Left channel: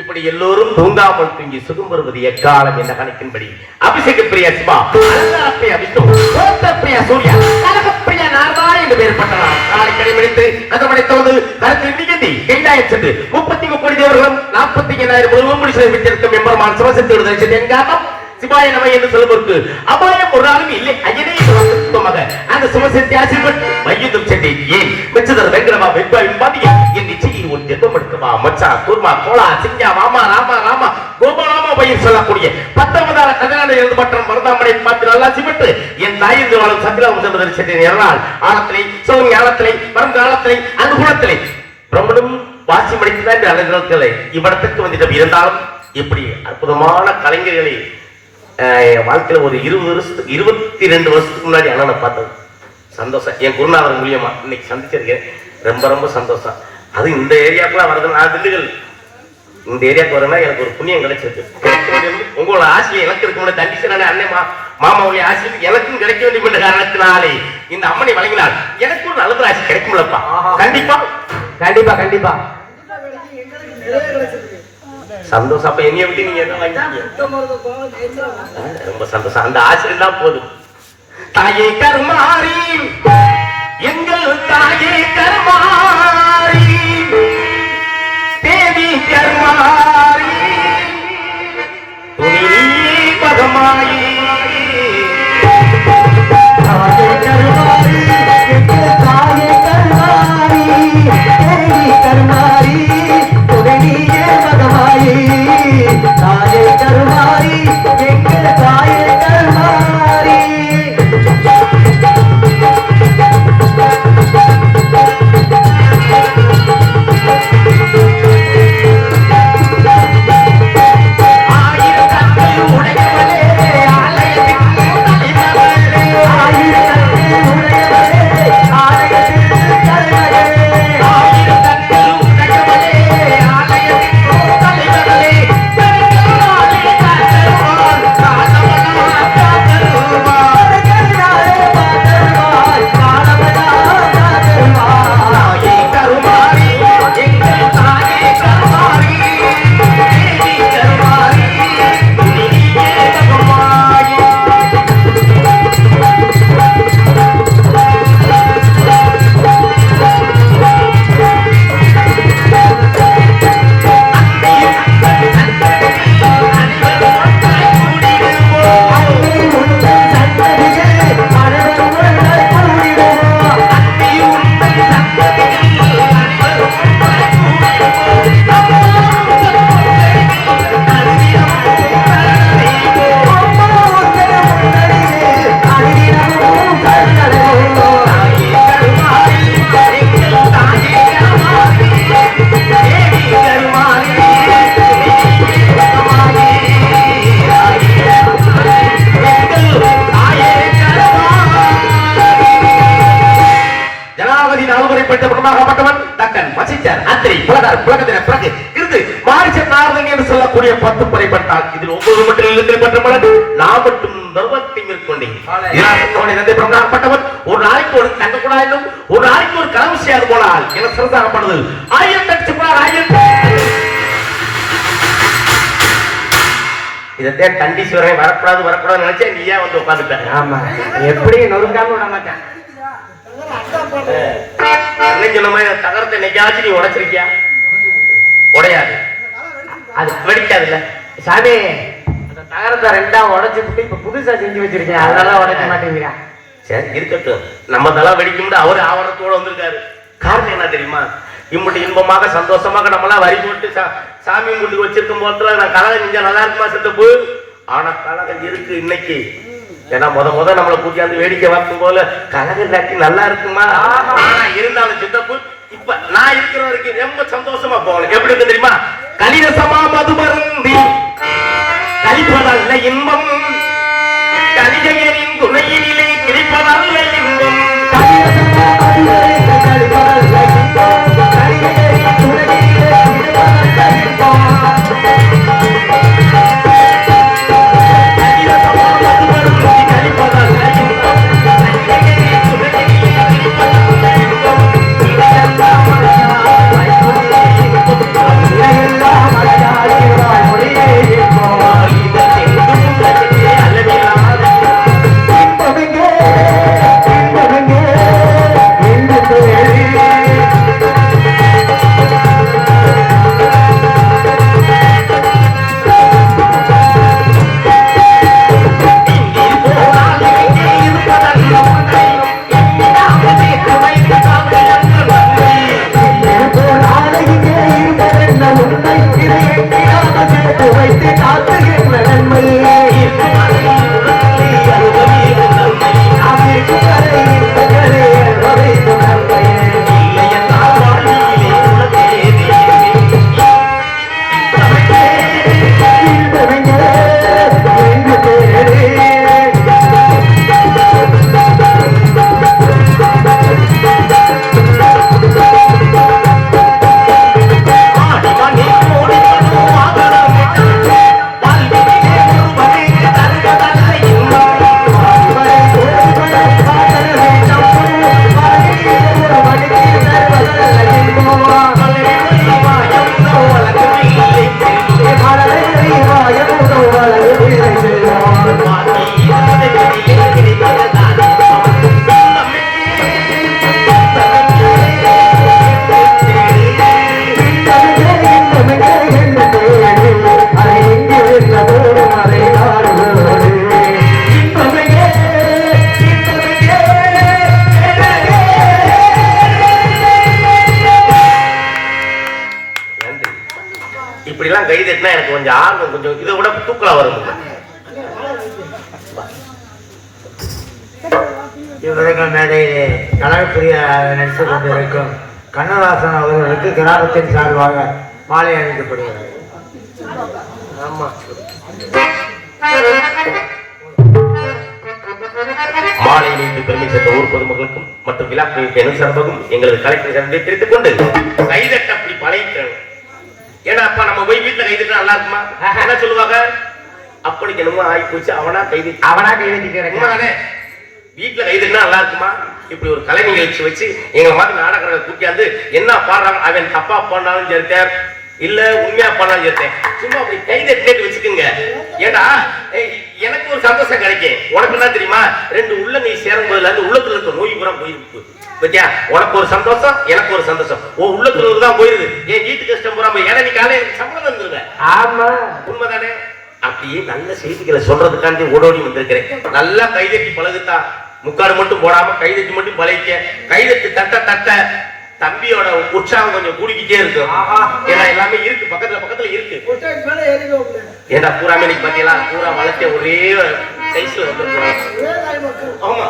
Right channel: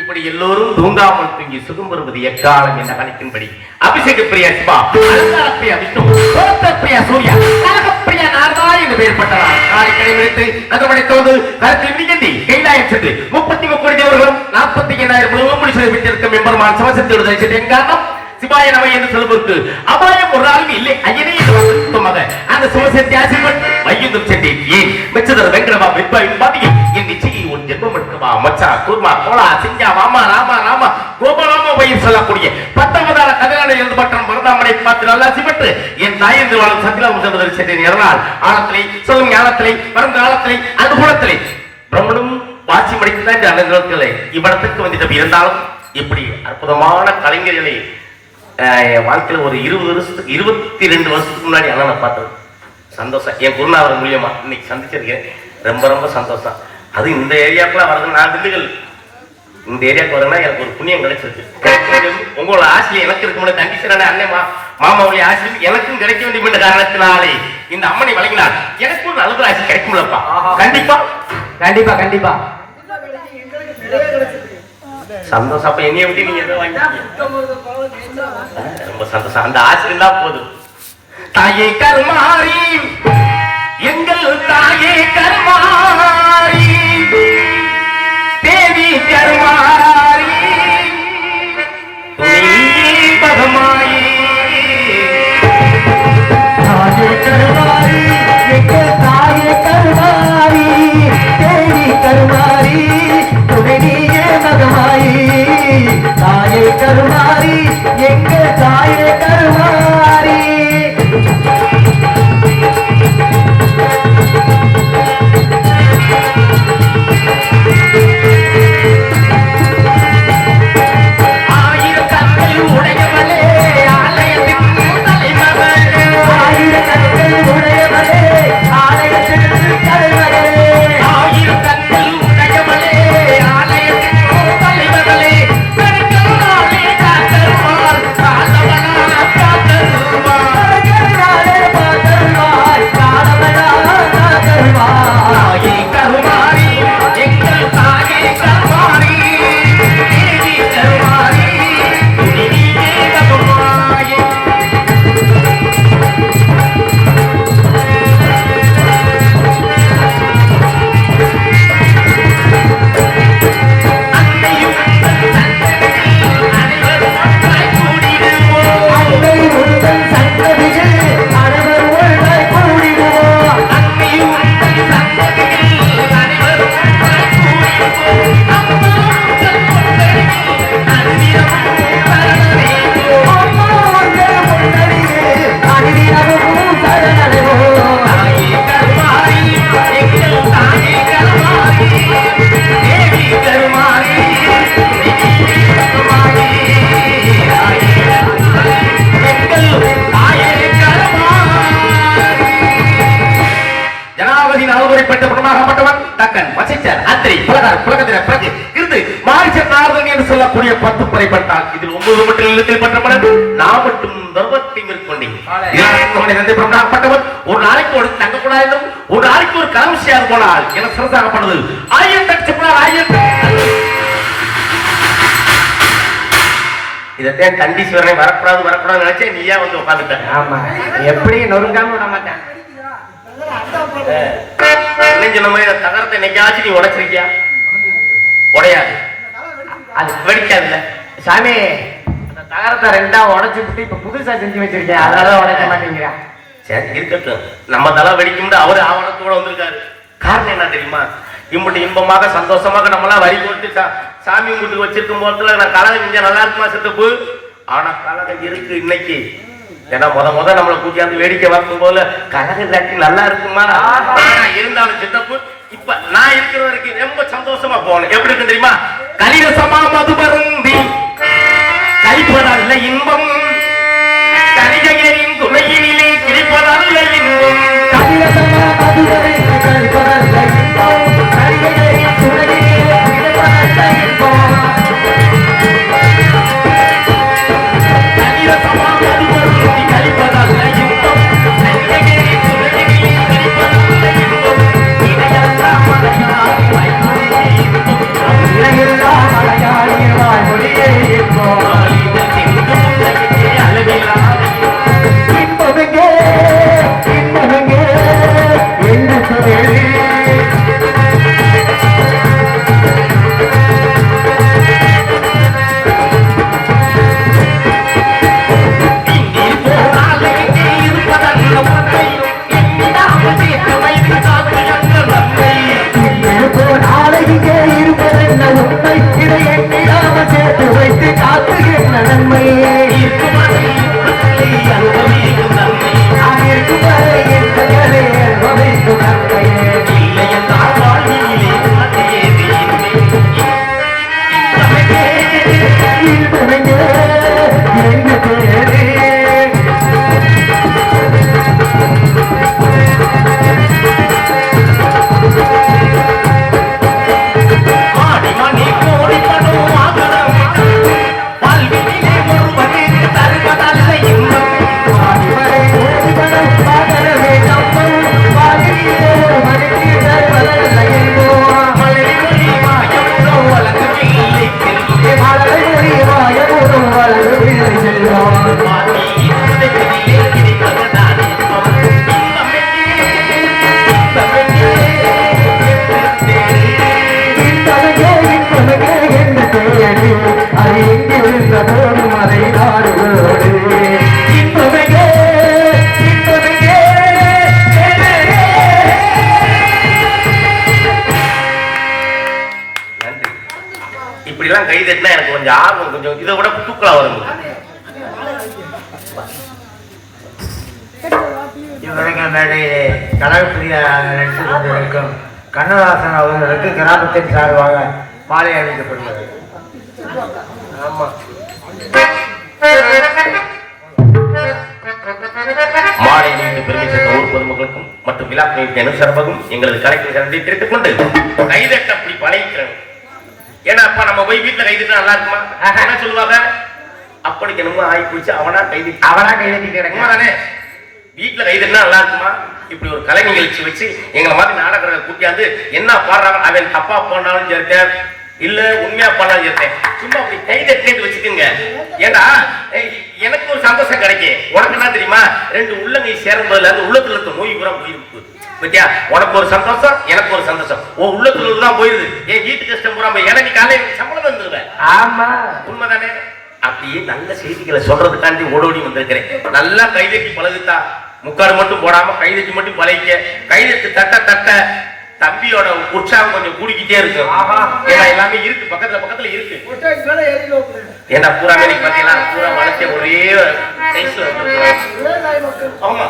இப்படி எல்லோரும் தூங்காமல் தூங்கி சுகம் வருவது எக்காலம் என்ற கணக்கின்படி அபிஷேக பிரியா சிவா பிரியா சூர்யா பிரியா நாரதா என்று பெயர் பட்டனர். காலை முடித்து நகமடைத்தோடு கைலாயம் சென்று 33 தேவர்களும் 45,000 எம்பெருமான் சிவசக்தி எங்காட்டம் சிவாய நம என்று சொல்வதற்கு அபாயம் ஒரு நாளும் இல்லை. ஐயனே அந்த சிவசக்தி ஆசீர்வன் வையுதம் சென்றேன். ஏன் வெச்சதர் வெங்கடமா வெப்பாயின் பாதியில் என் நிச்சயம் உன் ஜென்மம் எடுக்கவா மச்சா கூர்மா கோலா சிங்கா மாமா ராமா ராமா கோபாலாமா பயிர் சொல்லக்கூடிய 19ஆம் கதிரான எழுந்து பட்டம் வரதாமனை பார்த்து நல்லா சிவட்டு என் தாயிருந்து வாழும் சத்திரம் சென்றதற்கு சென்றேன். எறனால் ஆழத்திலே சிவன் ஞானத்திலே மறந்த காலத்திலே அனுகூலத்திலே பிரம்மனும் வாட்சி மடித்துதான் அனுகூலத்திலே இவ்விடத்திற்கு வந்துட்டு இருந்தாலும் இப்படி அற்புதமான கலைஞர்களை வாழ்க்கையில ஒரு 22 வருஷத்துக்கு முன்னாடி அண்ணனை பார்த்தது சந்தோஷம். என் குருநாதர் மூலியமா இன்னைக்கு சந்திச்சிருக்கேன். ரொம்ப ரொம்ப சந்தோஷம். அது இந்த ஏரியாவுக்குலாம் வரது நான் திண்டுகள் இந்த ஏரியாவுக்கு வரேன்னா எனக்கு ஒரு புண்ணியம் கிடைச்சிருக்கு. உங்களோட ஆசிரியர் எனக்கு இருக்கு தண்டிச்சனானே அண்ணன் மாமாவுடைய ஆசிரியர் எனக்கும் கிடைக்க வேண்டிய காரணத்தினாலே இந்த அம்மனை வழங்கினார். எனக்கும் நல்ல ஆசி கிடைக்கும்லப்பா. கண்டிப்பா கண்டிப்பா கண்டிப்பா சந்தோஷம். அப்ப என்னைய விட்டு நீங்க எதை வாங்கி ரொம்ப சந்தோஷம். அந்த ஆசிரியர் தான் போதும். தாயே கருமாரி எங்கள் தாயே கருமாரி தேவி கருமாரி பகமாயி தாயே கருமாரி எங்கள் தாயே கருமாரி தேவி கருமாரி துணையே பகமாயி தாயே கருமாரி எங்கள் தாயே கருமாரி மகாராஜின் ஆளுநரை பெற்ற பிரமாகப்பட்டவன் தக்கன் வசிச்சர் அத்திரி புலகர் புலகத்திர பிறகு இருந்து மாரிச்சர் நாரதன் என்று சொல்லக்கூடிய 10 படை பட்டால் இதில் 9 மட்டும் இல்லத்தில் பெற்றவன் நான் மட்டும் தர்மத்தை மேற்கொண்டேன் பிரமாகப்பட்டவன் ஒரு நாளைக்கு ஒரு தங்க குழாயிலும் ஒரு நாளைக்கு ஒரு கலம்சியாது போனால் என சிறசாகப்படுது 1000 இதே கண்டிஷன் வரக்கூடாது நினைச்சேன் நீயா வந்து உட்காந்துட்டேன். ஆமா எப்படி நொறுங்காம விட மாட்டேன். தகரத்தை நெஞ்சாச்சு நீ உடைச்சிருக்கியா? உடையாது, அது வெடிக்காதுல்ல சாமி. அந்த தகரத்தை 2ஆ உடைச்சு விட்டு இப்ப புதுசா செஞ்சு வச்சிருக்கேன், அதனால உடைக்க மாட்டேங்கிறேன். சரி இருக்கட்டும், நம்ம தலா வெடிக்கும் அவரு ஆவணத்தோட வந்திருக்காரு. காரணம் என்ன தெரியுமா? இம்புட்டு இன்பமாக சந்தோஷமாக நம்மளாம் வரி போட்டு சாமி கும்பிட்டு வச்சிருக்கும் போதுல நான் கலகம் செஞ்சா நல்லா இருக்குமா சித்தப்பு? ஆனா கலகம் இருக்கு இன்னைக்கு. ஏன்னா முத நம்மளை கூட்டியாந்து வேடிக்கை பார்க்கும் போல கலகம் இல்லாட்டி நல்லா இருக்குமா? இருந்தாலும் சித்தப்பு இப்ப நான் இருக்கிற வரைக்கும் ரொம்ப சந்தோஷமா போகணும். எப்படி இருக்கு தெரியுமா? கலிரசமா மது மருந்தி கழிப்பதல்ல இன்பம், கலிஜையின் துணையிலே கிடைப்பதல்ல இன்பம். கலிரசமா இப்படிலாம் கை தட்டினா எனக்கு கொஞ்சம் ஆர்வம், கொஞ்சம் இதை விட தூக்கலா வரும். இவருக்கு மேடையிலே கலாப்பிரியா நடித்துக் கொண்டிருக்கும் கண்ணதாசன் அவர்களுக்கு கிராமத்தின் சார்பாக மாலை அணிக்கப்படுகிறது. ஆமா, மாலை நீண்டு பெருமை சேர்ந்த ஊர் பொதுமக்களுக்கும் மற்றும் விழா எனும் சார்பாகவும் எங்களது கலைஞர் சந்தை தெரிவித்துக் கொண்டு கைதட்ட அப்படி பழகிக்கணும். ஏன்னா அப்பா நம்ம போய் வீட்டுல கைதுட்டா நல்லா இருக்குமா? என்ன சொல்லுவாங்க? அப்படிக்கு என்னமோ ஆகி போச்சு, அவனா கைதட்டிட்டு தானே வீட்டுல கைதுட்டா நல்லா இருக்குமா? இப்படி ஒரு கலை நிகழ்ச்சி வச்சு எங்களை மாதிரி நாடகங்களை கூட்டியாந்து என்ன பாடுறாங்க, அவன் தப்பா பாடினாலும் சேர்த்தேன் இல்ல உண்மையா பாடினாலும் சேர்த்தேன், சும்மா அப்படி கைதட்டு வச்சுக்கோங்க. ஏன்னா எனக்கு ஒரு சந்தோஷம் கிடைக்கும். உனக்கு என்ன தெரியுமா? 2 உள்ளங்கை சேரும் போதுல அந்த உள்ளத்துல இருக்க நோய் பூரா போயிருக்கு பத்தியா? உனக்கு ஒரு சந்தோஷம், எனக்கு ஒரு சந்தோஷம். உன் உள்ளத்துல தான் போயிருது, என் வீட்டு கஷ்டம் பூரா போய். ஏன்னா நீ காலையில சம்பளம் வந்துருவேன். ஆமா உண்மைதானே? அப்படியே நல்ல செய்திகளை சொல்றதுக்காண்டி ஓடோடி வந்திருக்கிறேன். நல்லா கைதட்டி பழகுத்தா, முக்காடு மட்டும் போடாம கைதட்டி மட்டும் பழகிக்க. கைதட்டு தட்ட தட்ட தம்பியோட உற்சாகம் கொஞ்சம் கூடிக்கிட்டே இருக்கு. ஏன்னா எல்லாமே இருக்கு, பக்கத்துல இருக்கு. ஏன்னா பூரா மேனிக்கு பாத்தீங்களா, பூரா வளர்ச்சி ஒரே சைஸ்ல வந்து. ஆமா,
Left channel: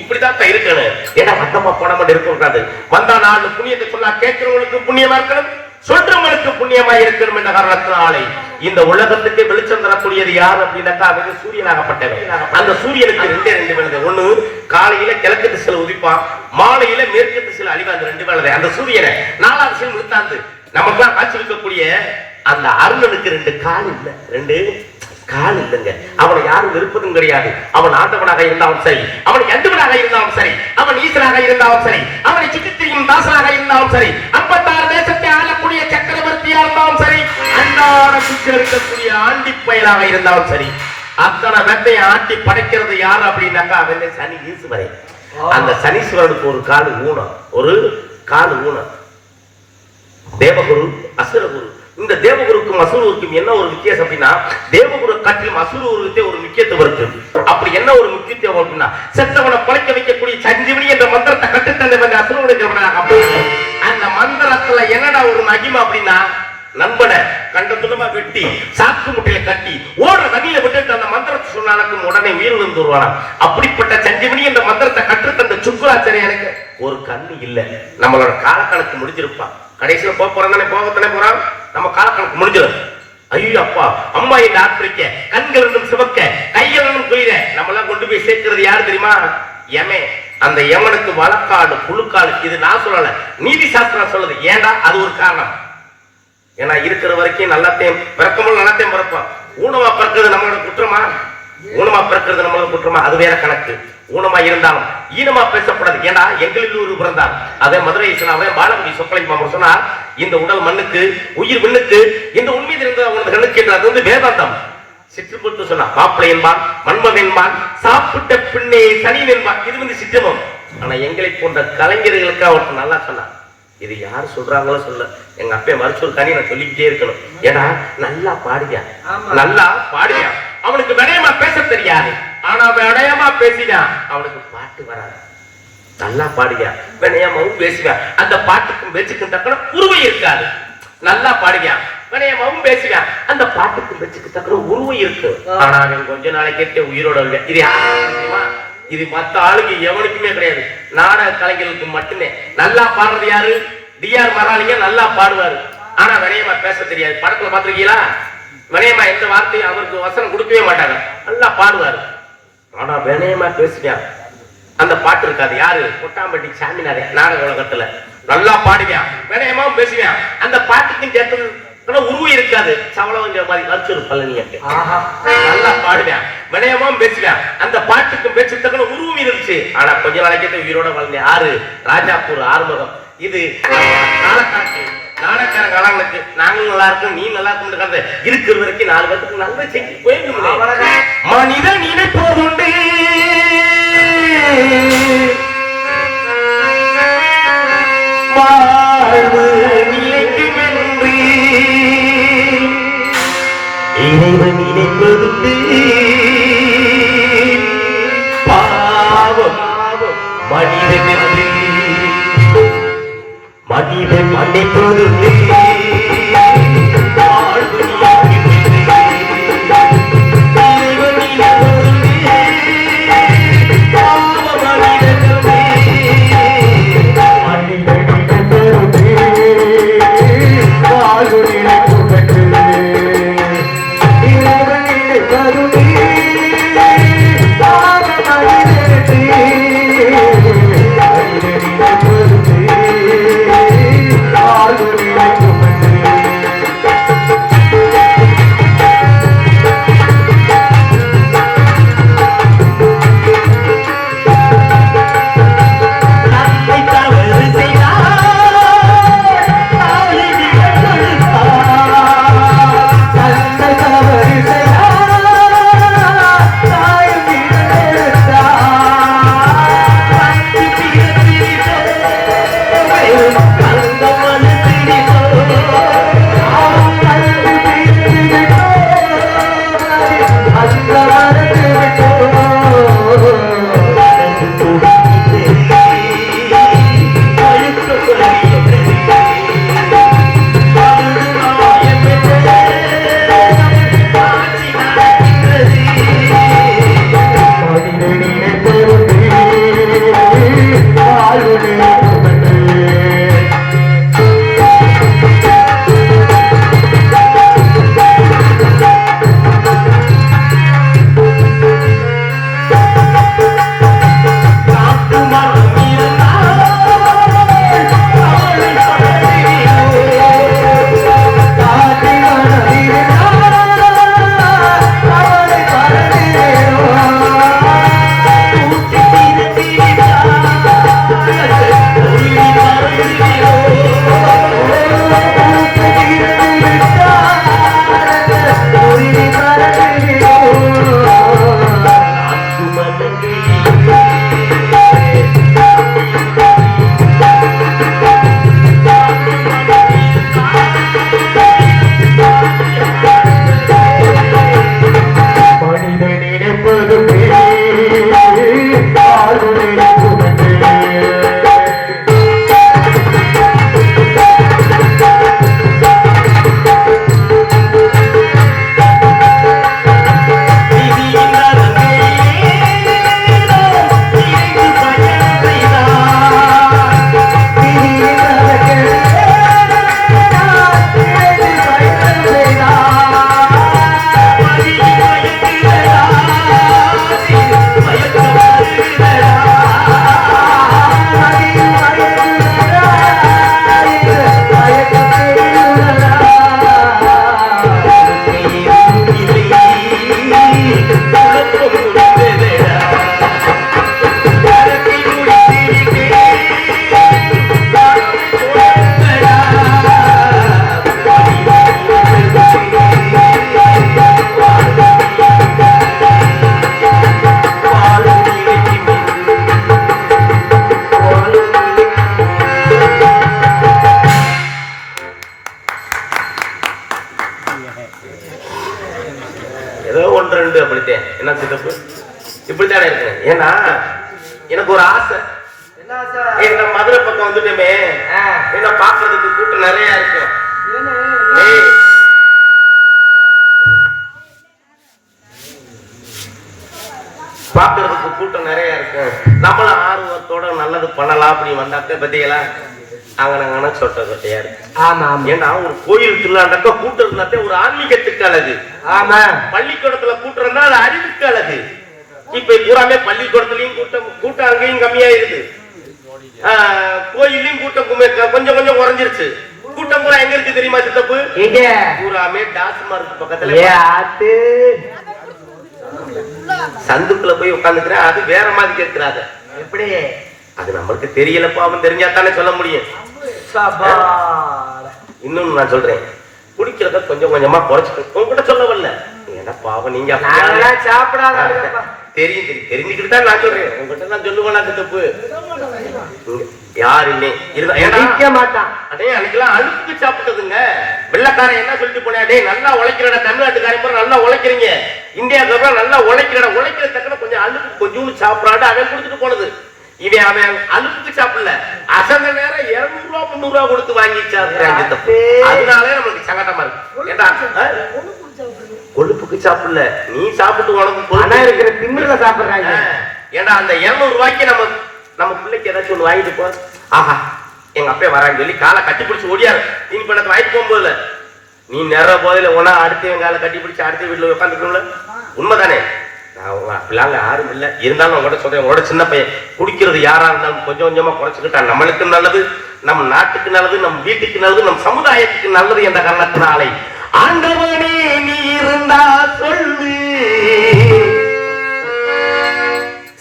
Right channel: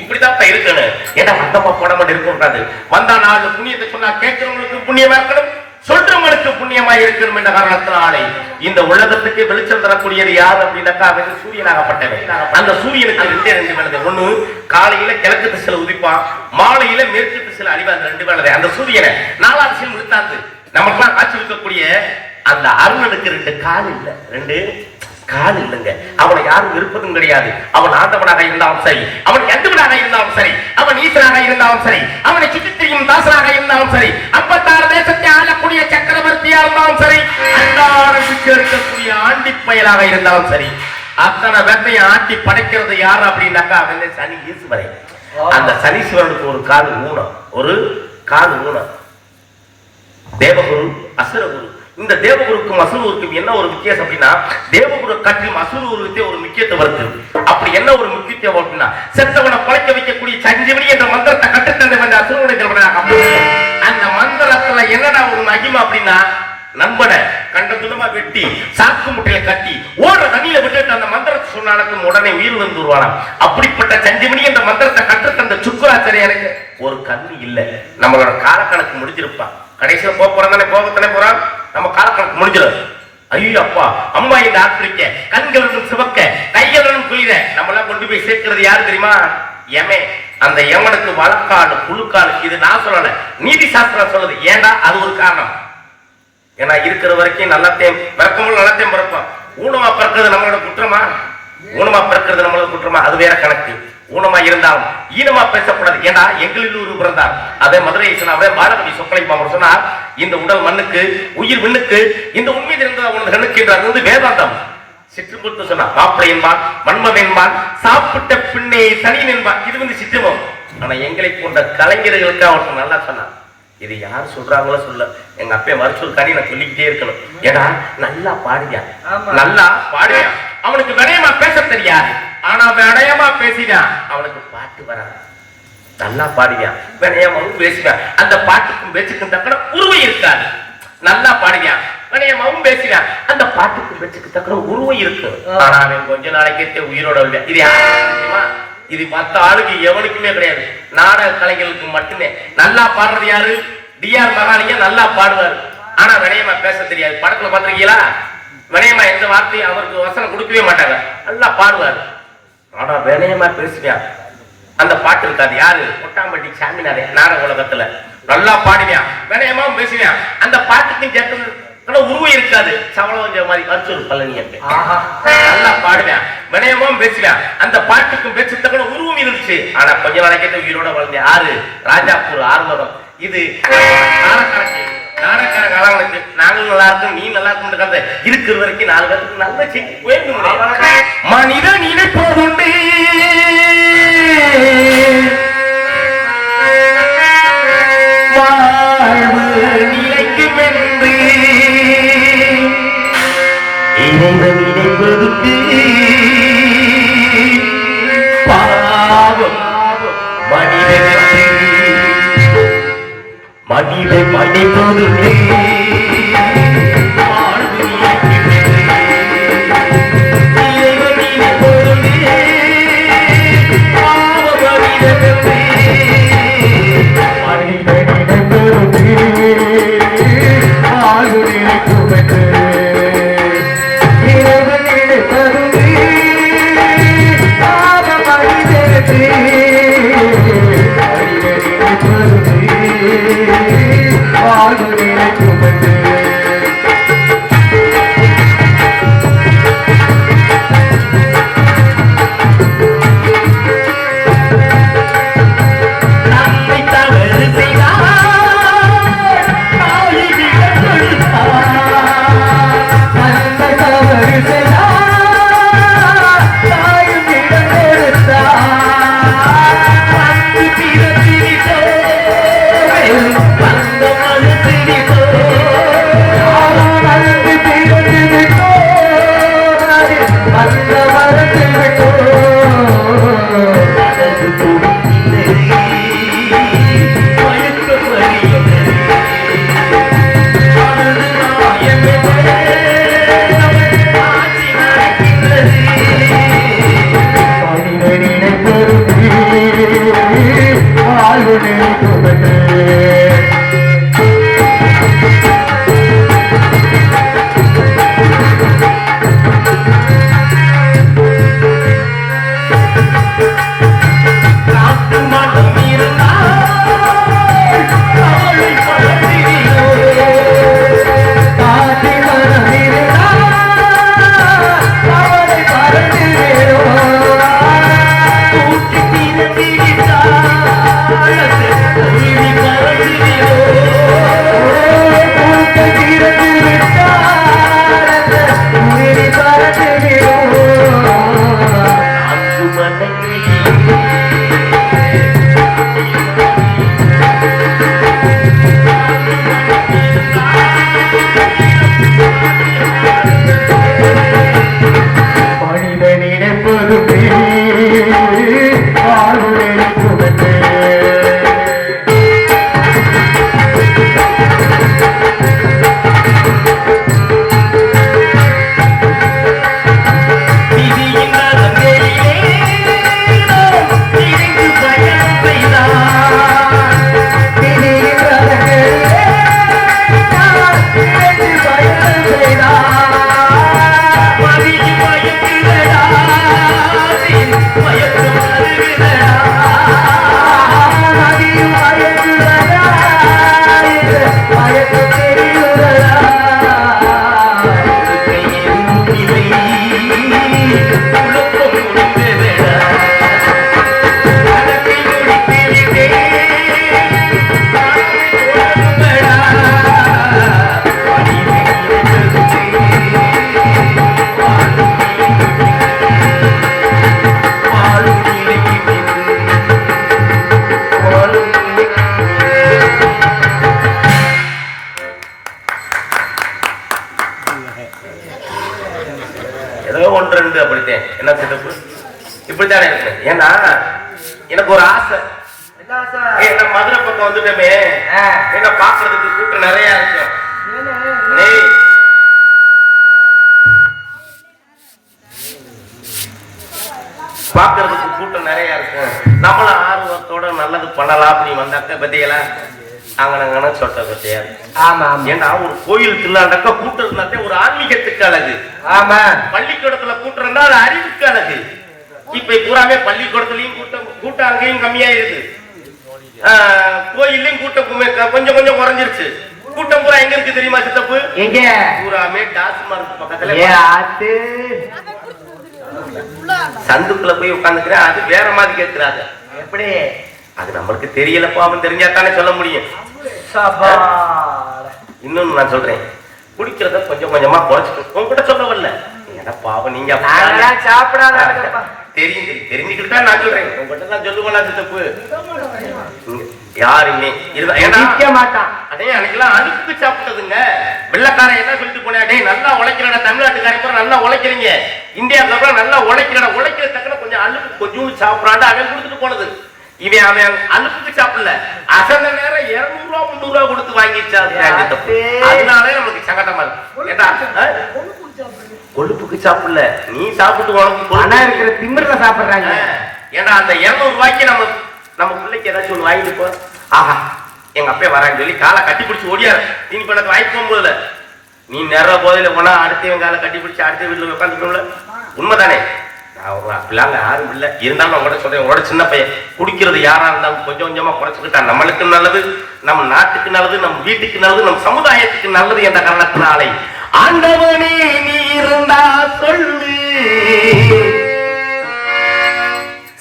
இப்படிதான் இருக்கணும். ஏன்னா மந்தமா போட மாட்டேன் இருக்க கூடாது. வந்தா 4 புண்ணியத்தை சொன்னா கேட்கிறவங்களுக்கு புண்ணியமா இருக்கணும், சொல்றவங்களுக்கு புண்ணியமா இருக்கணும் என்ற காரணத்தினாலே இந்த உலகத்துக்கு வெளிச்சம் தரக்கூடியது யார் அப்படின்னாக்கா அது சூரியனாகப்பட்டவன். அந்த சூரியனுக்கு ரெண்டு வேலை. ஒண்ணு காலையில கிழக்கு திசையில் உதிப்பான், மாலையில மேற்கு திசையில் அழிவா. அந்த 2 வேலை. அந்த சூரியனை 4ஆம் திசையில் விழுத்தாந்து நமக்குலாம் காட்சி இருக்கக்கூடிய அந்த அருணனுக்கு 2 கால் இல்ல, 2 கால் இல்லைங்க. அவனை யாரும் விருப்பதும் கிடையாது. அவன் ஆண்டவனாக இருந்தாலும் சரி, அவன் எந்தவனாக இருந்தாலும் சரி, அவன் ஈசனாக இருந்தாலும் சரி, அவனை சுற்றி திரியும் தாசனாக இருந்தாலும் சரி, 56 தேசத்தை ஆளக்கூடிய சக்கரவர்த்தியா இருந்தாலும் சரி, அன்றாடம் இருக்கக்கூடிய ஆண்டி பயலாக இருந்தாலும் சரி, அத்தனை வேட்டையை ஆட்டி படைக்கிறது யாரு அப்படின்னாக்கா அவன் சனி ஈஸ்வரன். அந்த சனீஸ்வரனுக்கு ஒரு கால் ஊனம், ஒரு கால் ஊனம். தேவகுரு அசுரகுரு. இந்த தேவகுருக்கும் அசுரகுருக்கும் என்ன ஒரு வித்தியாசம் அப்படின்னா, தேவகுரு காட்டிலும் அசுரகுருக்கே ஒரு முக்கியத்துவம் இருக்கு. அப்படி என்ன ஒரு முக்கியத்துவம் அப்படின்னா, செத்தவனை படைக்க வைக்கக்கூடிய சஞ்சீவனி என்ற மந்திரத்தை கட்டுத்தந்த அசுரனுடைய அந்த மந்திரத்துல என்னடா ஒரு மகிமை அப்படின்னா, நண்பனை கண்டத்துலமா வெட்டி சாக்கு முட்டையில கட்டி ஓடுற நதியில விட்டு அந்த மந்திரத்தை சொன்னாலும் உடனே உயிர் வந்து வருவானா. அப்படிப்பட்ட சஞ்சீவனி என்ற மந்திரத்தை கற்றுத்தந்த சுக்கராச்சாரியனுக்கு ஒரு கண்ணு இல்ல. நம்மளோட காலக்கணக்கு முடிஞ்சிருப்பான். கடைசியில் போறானே போகத்தானே போறான். நம்ம காலக்கணக்கு முடிஞ்சிடும். ஐயோ அப்பா அம்மா எங்க ஆப்பிரிக்க கண்களும் சிவக்க கைகளும் குளிர நம்மளாம் கொண்டு போய் சேர்க்கிறது யாரு தெரியுமா? எமே. அந்த எவனுக்கு வழக்காடு புழுக்காடு. இது நான் சொல்லல, நீதி சாஸ்திரம் சொல்லுது. ஏண்டா அது ஒரு காரணம். ஏன்னா இருக்கிற வரைக்கும் நல்லாத்தையும் பிறக்கமும் நல்லாத்தையும் பிறப்போம். ஊனமா பிறக்கிறது நம்மளோட குற்றமா? ஊனமா பிறக்கிறது நம்மளோட குற்றமா? அது வேற கணக்கு. ஊனமா இருந்தாலும் ஈனமா பேசக்கூடாது. ஏன்னா எங்களில் ஒரு பிறந்தார். அதே மதுரை சொன்ன பாலபதி சொக்கலிங்க சொன்னார், இந்த உடல் மண்ணுக்கு உயிர் விண்ணுக்கு இந்த உண்மை இருந்தது அவனது கண்ணுக்கு என்று. அது வேதாந்தம். சிற்றுமுத்து சொன்னார், மாப்பிளை என்பான் மன்மன் என்பான் சாப்பிட்ட பின்னே சனி என்பான். இது சிற்றமும். ஆனா எங்களை போன்ற கலைஞர்களுக்கு அவருக்கு நல்லா சொன்னார். இது யார் சொல்றாங்களோ சொல்ல, எங்க அப்பே மருத்துவக்காரி நான் சொல்லிக்கிட்டே இருக்கணும். ஏன்னா நல்லா பாடியா, நல்லா பாடியா. அவனுக்கு விடயமா பேச தெரியாது, ஆனா விடயமா பேசினா அவனுக்கு பாட்டு வராது. நல்லா பாடியா விடயமாவும் பேசுவேன். அந்த பாட்டுக்கும் பேச்சுக்கும் தக்கன உருவை இருக்காது. நல்லா பாடியா விடயமாவும் பேசுவேன். அந்த பாட்டுக்கும் பேச்சுக்கு தக்கன உருவை இருக்கு. ஆனா அவன் கொஞ்ச நாளைக்கே உயிரோட இல்லை. இது யாருமா? இது மத்த ஆளுக்கு எவனுக்குமே கிடையாது. நாடக கலைஞர்களுக்கு மட்டுமே. நல்லா பாடுறது யாரு? டிஆர் மகாலிங்க நல்லா பாடுவாரு. ஆனா வினயமா பேச தெரியாது. படத்துல பாத்திருக்கீங்களா? வினயமா எந்த வார்த்தையும் அவருக்கு வசனம் கொடுக்கவே மாட்டாங்க. நல்லா பாடுவாரு, ஆனா வினயமா பேசுவியா. அந்த பாட்டு இருக்காது. யாரு? கொட்டாம்பட்டி சாமினாரே நாடக உலகத்துல நல்லா பாடுவியான், வினயமாவும் பேசுவியான். அந்த பாட்டுக்கு கேட்டது உருவம் இருக்காது. சவளம் மாதிரி வச்சொரு பழனி நல்லா பாடுவேன், வினயமும் பேசுவேன். அந்த பாட்டுக்கும் பேச்சு உருவம் இருந்துச்சு. ஆனா கொஞ்ச நாளைக்கு உயிரோட வளர்ந்தேன். யாரு? ராஜாப்பூர் ஆறுமுகம். இது காலக்கணக்கு, நாடகார காலங்களுக்கு. நாங்களும் நல்லா இருக்கும், நீ நல்லா இருக்கும். இருக்கிற வரைக்கும் 4 பேருக்கு நல்ல செஞ்சு போயிட்டு மனித நினைப்போண்டு வாழ்வு நிலைக்கும் என்று இறைவன் இணைப்பதுக்கு பாவம் மனிதனுக்கு மனிதன் மன்னிப்பதுக்கு வாழ்வு என்ன சிறப்பு இப்படித்தானே இருக்கு. ஏன்னா எனக்கு ஒரு ஆசை, என்ன மதுரை பக்கம் வந்துட்டோமே என்ன பாக்குறதுக்கு கூட்டம் நிறைய இருக்கு. பாக்குறதுக்கு கூட்டம் நிறைய இருக்கு. நம்மளும் ஆர்வத்தோட நல்லது பண்ணலாம் அப்படின்னு வந்தாக்க பத்திகளா அவன சொல்ற விஷயம். ஆமா, ஏன்னா ஒரு கோயில் திருவிழாண்டாக்க கூட்டம் இருந்தாத்தே ஒரு ஆன்மீகத்துக்கு அழகு. ஆமா, பள்ளிக்கூடத்துல கூட்டம் இருந்தா அது அறிவுக்கு அழகு. இப்ப பூராமே பள்ளிக்கூடத்துலயும் கூட்டம் அங்கேயும் கம்மியாயிருது, கோயிலையும் கூட்டம் கொஞ்சம் கொஞ்சம் குறைஞ்சிருச்சு. கூட்டம் பூரா எங்க இருக்கு தெரியுமா சித்தப்பு? எங்க? பூராமே டாஸ்மார்க் பக்கத்துல சந்துக்குள்ள போய் உட்காந்துக்கிறேன். அது வேற மாதிரி கேட்கிறாரு. எப்படி? அது நம்மளுக்கு தெரியலப்பா, அவன் தெரிஞ்சா தானே சொல்ல முடியும். இன்னும் நான் சொல்றேன், குடிக்கிறத கொஞ்சம் கொஞ்சமா குறைச்சிட்டு கூட சொல்ல வரல. ஏன்னா பாவம் நீங்க தெரிஞ்சுக்கிட்டு தான் நான் சொல்றேன். உங்ககிட்ட நான் சொல்லுவேனா தப்பு? யாரு இல்லை மாட்டான். அதே அன்னைக்கெல்லாம் அழுப்பு சாப்பிட்டதுங்க. வெள்ளக்காரன் என்ன சொல்லிட்டு போனா, டே நல்லா உழைக்கிறடா, தமிழ்நாட்டுக்காரன் நல்லா உழைக்கிறீங்க, இந்தியாவுக்கு நல்லா உழைக்கிறடா, உழைக்கிற தக்கன கொஞ்சம் அழுப்பு கொஞ்சம் சாப்பிடாடு அவன் கொடுத்துட்டு போனது. இவன் அவன் அழுப்புக்கு சாப்பிடல, அசந்த நேரம் 200 ரூபா 300 ரூபா கொடுத்து வாங்கிச்சாங்க. அதனால நமக்கு சங்கடமா இருக்கு. கொழுப்புக்கு சாப்பிடல, நீ சாப்பிட்டு உனக்கு இருக்கிற திமிர்ல சாப்பிடுறாங்க. ஏன்னா அந்த 200 ரூபாய்க்கு நம்ம பிள்ளைக்கு ஏதாச்சும் ஒண்ணு வாங்கிட்டு போ. ஆஹா எங்க அப்பா வரான்னு சொல்லி காலை கட்டி பிடிச்சி ஓடியாரு. நீ இப்ப எனக்கு வாங்கிட்டு போகும்போதுல நீ நேர போதில ஒன்னா அடுத்தவன் காலை கட்டி பிடிச்சி அடுத்த வீட்டுல உட்காந்துக்கணும்ல. உண்மைதானே? அப்படிலாம் யாரும் இல்லை. இருந்தாலும் உங்களோட சொல்றேன், உங்களோட சின்ன பையன் குடிக்கிறது யாரா இருந்தாலும் கொஞ்சம் கொஞ்சமா குறைச்சிருக்கா. நம்மளுக்கு நல்லது, நம்ம நாட்டுக்கு நல்லது, நம்ம வீட்டுக்கு நல்லது, நம்ம சமுதாயத்துக்கு நல்லது என்ற காரணத்தினாலே ஆண்டவனே நீ இருந்தா சொல்லு,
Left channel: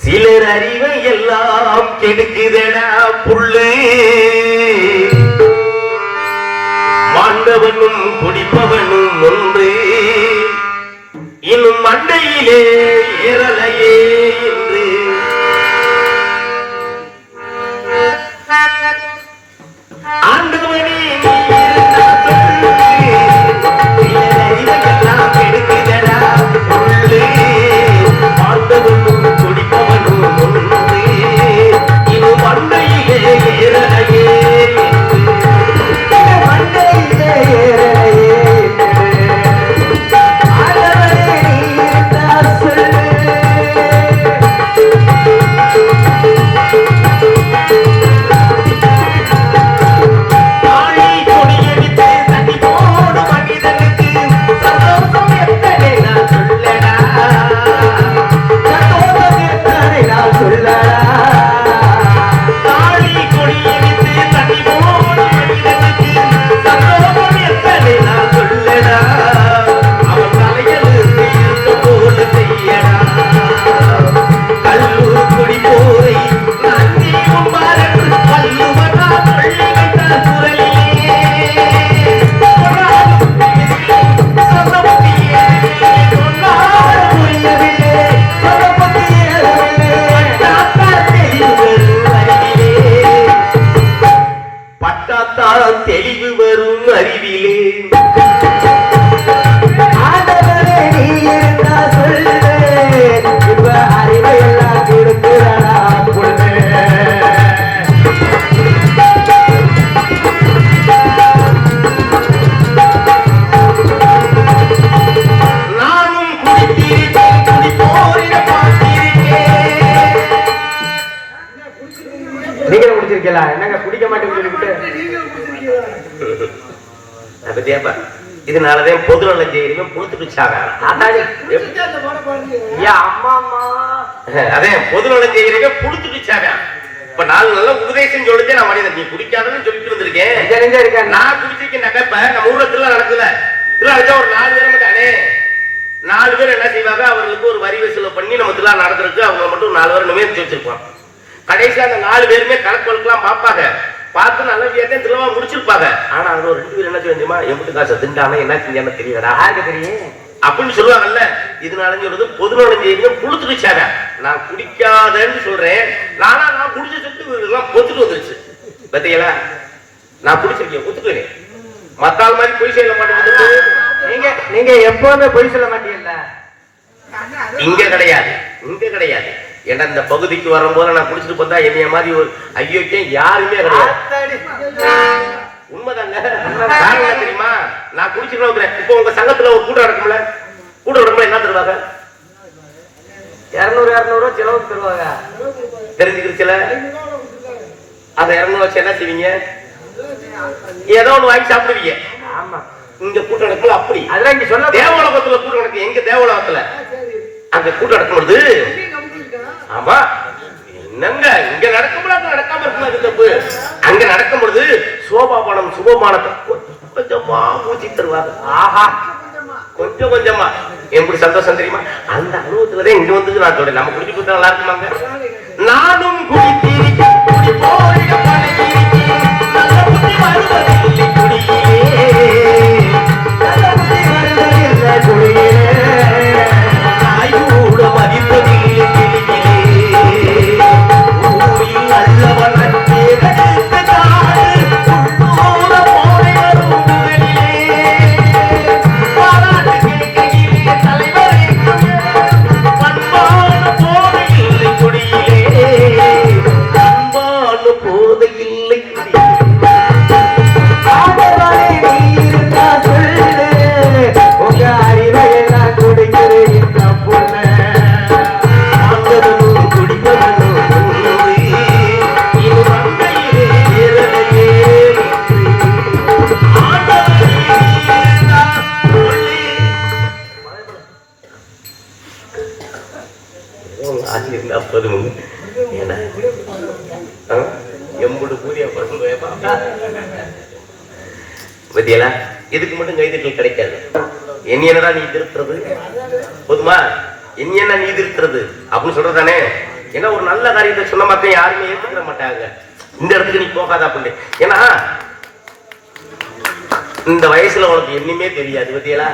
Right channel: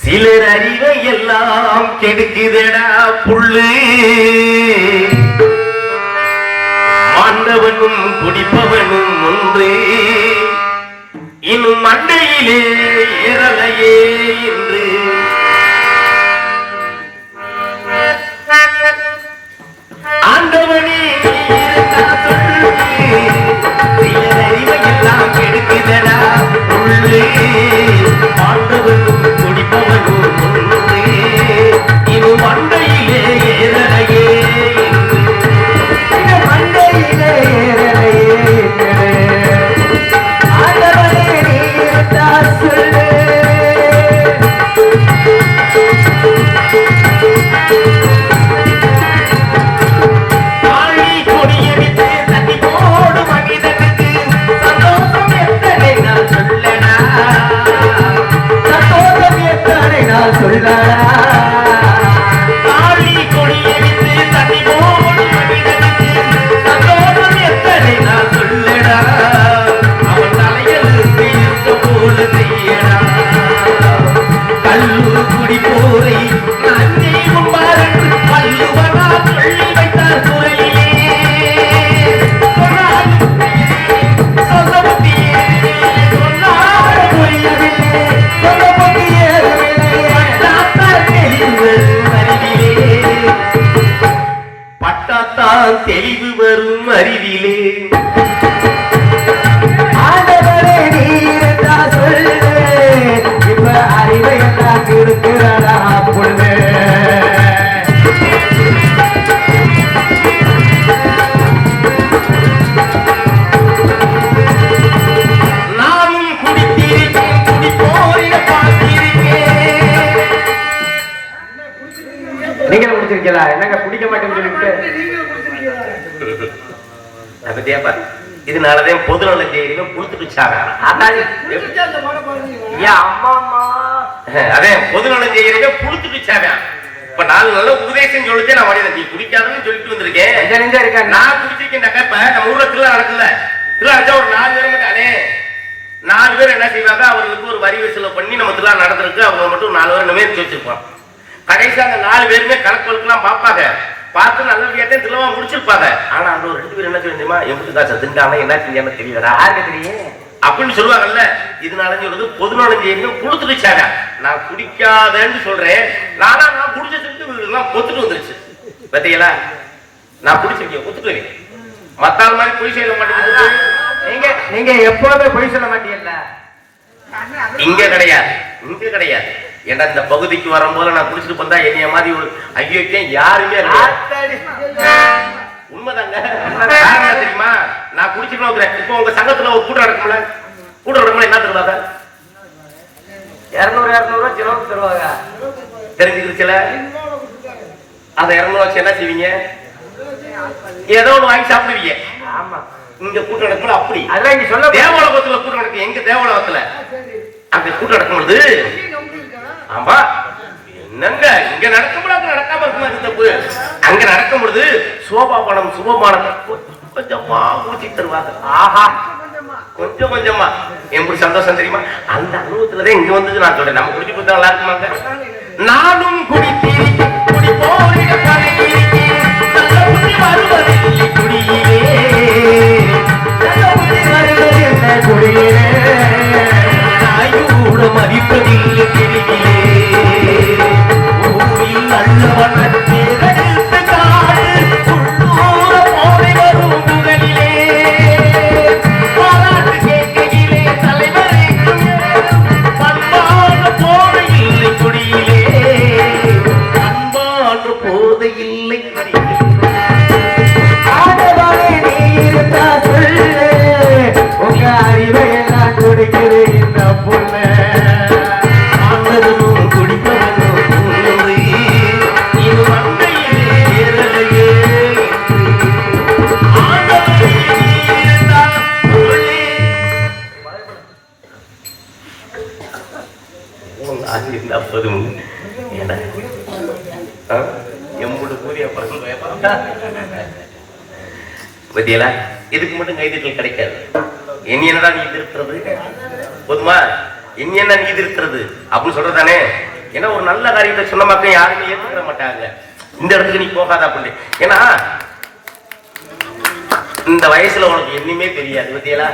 சிலர் அறிவை எல்லாம் கெடுக்குதடா புள்ளு, மாண்டவனும் குடிப்பவனும் ஒன்று, இன்னும் மண்டையிலே ஏறலையே என்று ஆண்டவனே எல்லாம் கெடுக்குதடா உள்ளே, ஆண்டவனும் குடிப்பவனும் ஒன்று, இன்னும் மண்டையிலே ஏறலையே என்று மண்டையிலே தெளிவு வரும் அறிவிலே அறிவை எல்லாம் கொடுக்கிறாரா பொண்ணு. நானும் குடித்திருக்கேன், குடிப்போரிட பார்த்திருக்கேன். நீங்க குடிச்சிருக்கீங்களா? என்னங்க குடிக்க மாட்டேன்னு சொல்லிட்டு இதனாலதான் பொது நலம் செய்யறீங்க கொடுத்துட்டு அதே பொது நலம் செய்யறீங்க கொடுத்துட்டு. இப்ப 4 நல்ல உபதேசம் சொல்லிட்டு நான் வரையில நீ குடிக்காதன்னு சொல்லிட்டு வந்திருக்கேன். நான் குடிச்சிருக்கேன். இப்ப நம்ம ஊர்ல திருவிழா நடக்குதுல, திருவிழா வச்சா ஒரு 4 பேர் அடே 4 பேர் என்ன செய்வாங்க, அவர்களுக்கு ஒரு வரி வசூல் பண்ணி நம்ம திருவிழா நடந்திருக்கு, அவங்க மட்டும் 4 பேர் நிமிர்த்தி வச்சிருப்போம். கடைசி அந்த 4 பேருமே கணக்கெல்லாம் பார்ப்பாங்க, பார்த்து நல்ல வியாட்டே திருவிழா முடிச்சிருப்பாங்க. ஆனா அவங்க 2 பேர் என்ன தெரியுமா, எம்பிட்டு காசு திண்டாம என்ன செஞ்சாம தெரியலடா, யாருக்கு தெரியும் அப்படின்னு சொல்லுவாங்கல்ல. இதனால சொல்றது பொது நலம் செய்யுங்க கொடுத்துடுச்சாங்க. நான் குடிக்காதன்னு சொல்றேன், நான் குடிச்சு எல்லாம் பொத்துட்டு வந்துருச்சு. பத்தீங்களா? நான் குடிச்சிருக்கேன், ஒத்துக்குவேன். மத்தாள் மாதிரி பொய் செய்ய மாட்டேங்குது. நீங்க எப்பவுமே பொய் சொல்ல மாட்டீங்கல்ல. இங்க கிடையாது, இங்க கிடையாது. ஏன்னா இந்த பகுதிக்கு வரும்போது நான் குடிச்சிட்டு வந்தா என்னைய மாதிரி ஒரு ஐயோக்கே யாருமே கிடையாது. உண்மைதாங்க. காரணம் தெரியுமா? நான் குடிச்சுட்டு வந்துறேன். இப்போ உங்க சங்கத்துல ஒரு கூட்டம் நடக்கும்ல, கூட்டம் நடக்கும்ல என்ன தருவாங்க? 200 செலவு தருவாங்க. தெரிஞ்சுக்கிடுச்சுல? அந்த 200 வச்சு என்ன செய்வீங்க? ஏதோ ஒன்று வாங்கி சாப்பிடுவீங்க. ஆமா, இங்க கூட்டம் நடக்கும்ல அப்படி. அதான் இங்க சொல்ல தேவலோகத்துல கூட்டம் நடக்கும். எங்க தேவலோகத்துல அங்க கூட்டம் நடக்கும்போது, ஆமா என்னங்க இங்க நடக்கும்போது அங்க நடக்காம இருக்குமா தப்பு? அங்க நடக்கும்போது சோபாபனம் சுபமானம் கொஞ்சமா ஊற்றி தருவாங்க. ஆஹா, கொஞ்சம் கொஞ்சமா எப்படி சந்தோஷம் தெரியுமா? அந்த அனுபவத்துலதான் இங்க வந்தது நான் சொல்றேன். நம்ம குடிச்சு கொடுத்தா நல்லா இருக்குமாங்க? நானும் குடித்தேன் குடி போய் இதுக்கு மட்டும் கைதட்டல் கிடைக்காது. என்னடா நீ திருத்துறது போதுமா? என்ன நீ திருத்துறது அப்படின்னு சொல்றதானே? ஏன்னா ஒரு நல்ல காரியத்தை சொன்ன மக்கள் யாருமே ஏத்துக்கிற மாட்டாங்க. இந்த இடத்துக்கு நீ போகாத அப்படின்னு. ஏன்னா இந்த வயசுல உனக்கு என்னமே தெரியாது பத்தியலா.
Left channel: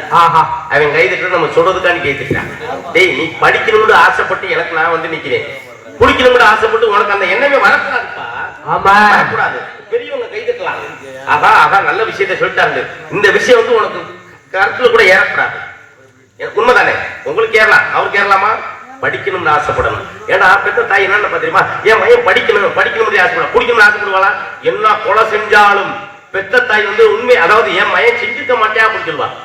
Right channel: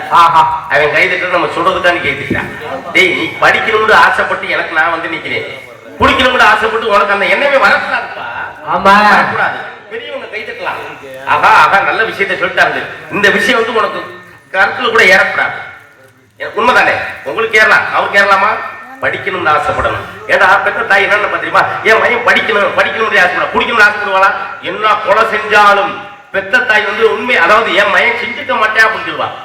அவன் கைதட்டு நம்ம சொல்றதுக்கான கைதட்டான். டேய் நீ படிக்கணும்னு ஆசைப்பட்டு எனக்கு நான் வந்து நிக்கிறேன், குடிக்கணும்னு ஆசைப்பட்டு உனக்கு அந்த எண்ணமே வரக்கூடாதுப்பா. வரக்கூடாது. பெரியவங்க கைதட்டலாம். ஆஹா ஆஹா நல்ல விஷயத்தை சொல்லிட்டாங்க. இந்த விஷயம் வந்து உனக்கு கருத்துல கூட ஏறக்கூடாது. உண்மைதானே? உங்களுக்கு ஏறலாம், அவருக்கு ஏறலாமா? படிக்கணும்னு ஆசைப்படணும். ஏன்னா பெற்ற தாய் என்ன தெரியுமா? என் மையம் படிக்கணும் படிக்கணும்னு ஆசைப்பட குடிக்கணும்னு ஆசைப்படுவாளா? என்ன கொலை செஞ்சாலும் பெற்ற தாய் வந்து உண்மை, அதாவது என் மையம் செஞ்சுக்க மாட்டேன் அப்படின்னு சொல்லுவான்.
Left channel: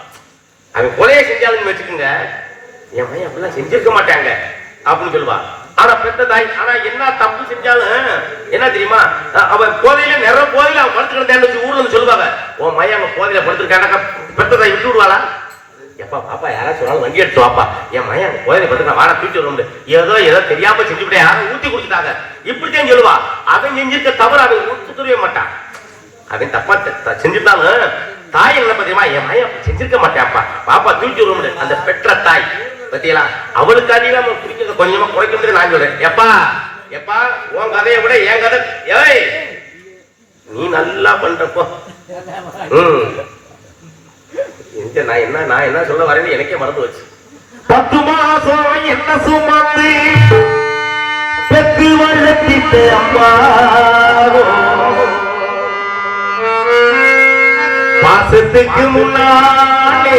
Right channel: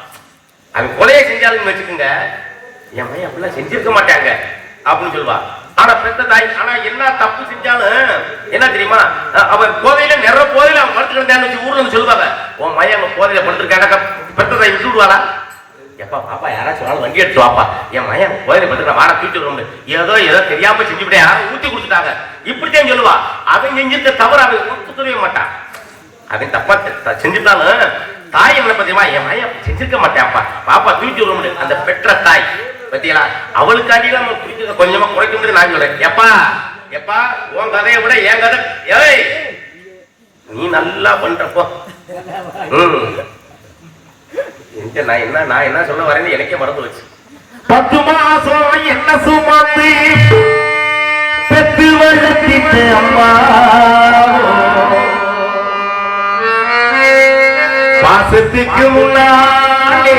அவன் கொலையை செஞ்சாலும் வச்சுக்கோங்க, என் மையம் அப்படிலாம் செஞ்சிருக்க மாட்டாங்க அப்படின்னு சொல்லுவா. ஆனா பெத்த தாய் ஆனா என்ன தப்பு செஞ்சாலும் என்ன தெரியுமா? அவன் போதையில நிறைய போதையில அவன் படுத்துட்டு வந்தேன்னு ஊர்ல சொல்லுவாங்க, உன் மையம் அவன் போதையில படுத்துருக்காங்க. பெத்த தாய் விட்டு விடுவாளா? எப்பா பாப்பா யாராச்சும் வண்டி எடுத்து வாப்பா, என் மையம் போதையில படுத்துட்டா வாடா தூக்கி விட முடியும், ஏதோ தெரியாம செஞ்சுக்கிட்டே யாரும் ஊத்தி கொடுத்துட்டாங்க இப்படித்தான் சொல்லுவா. அவன் செஞ்சிருக்க தவறு அவன் துரிய மாட்டான். அவன் தப்பா செஞ்சுட்டாலும் தாய் என்ன தெரியுமா? என் மையம் செஞ்சிருக்க மாட்டேன்ப்பா பாப்பா தூக்கி விட முடியும். அந்த பெற்ற தாய் பத்தியா அவளுக்காண்டி நம்ம குடிக்கிறத கொஞ்சமா குறைக்க நான் சொல்றேன். எப்பா எப்பா உன் கதையை விட என் கதை ஏய் நீ நல்லா பண்றப்போ நான் என்ன சொல்ல வரேன்னு எனக்கே மறந்து வச்சு. 10 மாசம் என்ன சுமந்து பெத்து வளர்த்திட்ட அம்மா பாசத்துக்கு முன்னாலே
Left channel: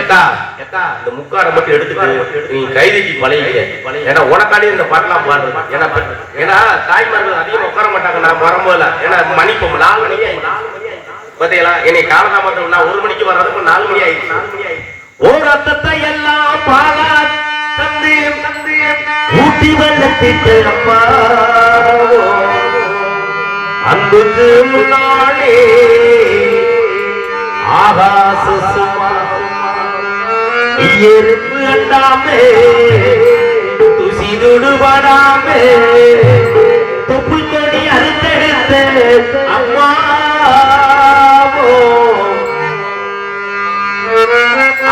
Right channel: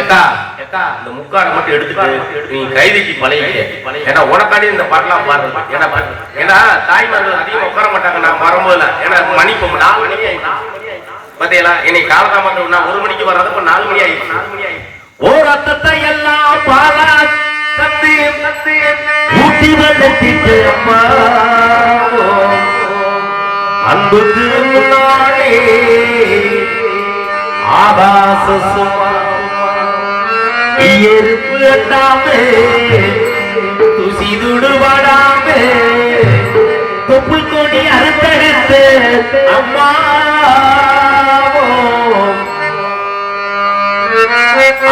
இந்த முக்காடை மட்டும் எடுத்துட்டு நீ கைதிக்கு பழகிக்க. ஏன்னா உனக்காண்டி இந்த பாட்டெல்லாம் பாடுறது. ஏன்னா தாய்மார்கள் அதிகம் உட்கார மாட்டாங்க. நான் வரும்போது ஏன்னா மணி 4 மணி ஆயிடுச்சு பாத்தீங்களா? என்னை காலதாமதம் 1 மணிக்கு வராது 4 மணி ஆயிடுச்சு. ஓர் அத்தத்தை எல்லாம் பாலா தந்து ஊட்டி வளர்த்திட்டு அம்மா அன்புக்கு முன்னாலே ஆகாச சுமா இயற்கு எட்டாமே துசி துடுபடாமே தொப்புள் கொடி அறுத்தெடுத்து அம்மா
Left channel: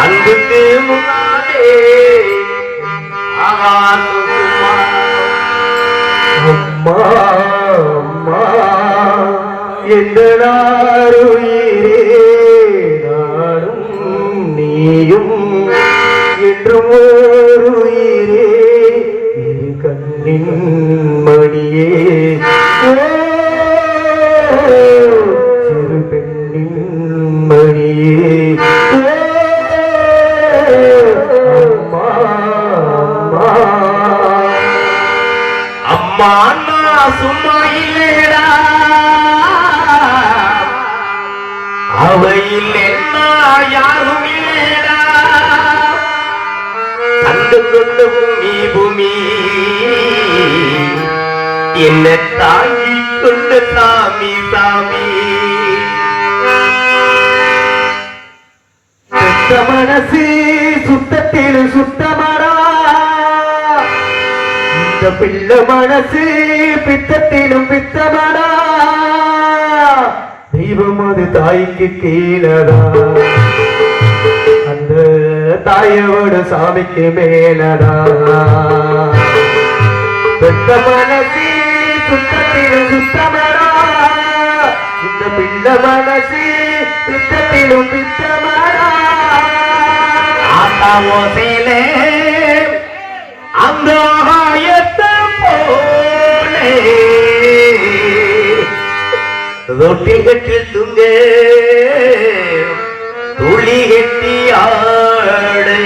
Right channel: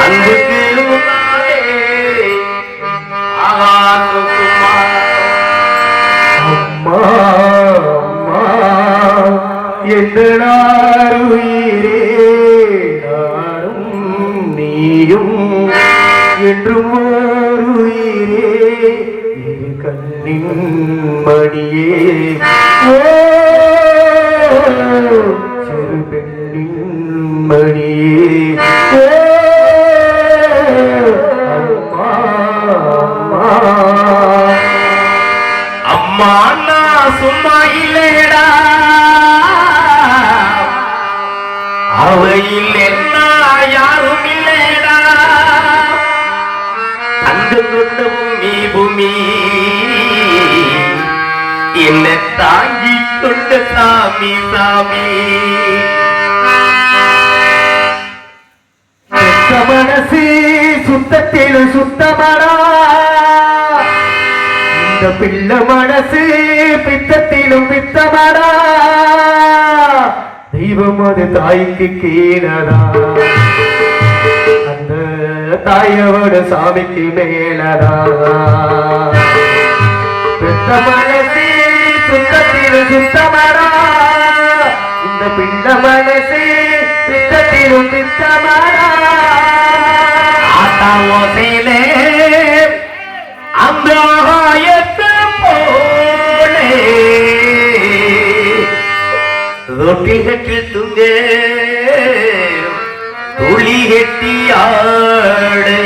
அன்புக்கு முன்னாலே ஆகாசுமா அம்மா அம்மா என்றாருயிரே நானும் நீயும் என்றும் ஓருயிரே இரு கண்ணின் மடியே சிறு பெண்ணின் மடியே சும்மா இல்லடா அவையில் என்ன யாரும் இல்லடா தங்கம் கொண்ட பூமி என்ன தாங்கி கொண்ட சாமி சுத்த மனசு சுத்தத்திலும் சுத்தமடா இந்த பிள்ளை மனசு பித்தத்திலும் பித்தமடா தெய்வம் அது தாய்க்கு கீழடா அந்த தாயோட சாமிக்கு மேலடா பெத்த மனசு சுத்தத்திலும் சுத்தமடா இந்த பிள்ளை மனசு பித்தத்திலும் பித்தமடா ஆட்டாவோசையிலே அந்த ஆயத்தை போலே ரொட்டி கட்டி துங்கே துளி கட்டி ஆடே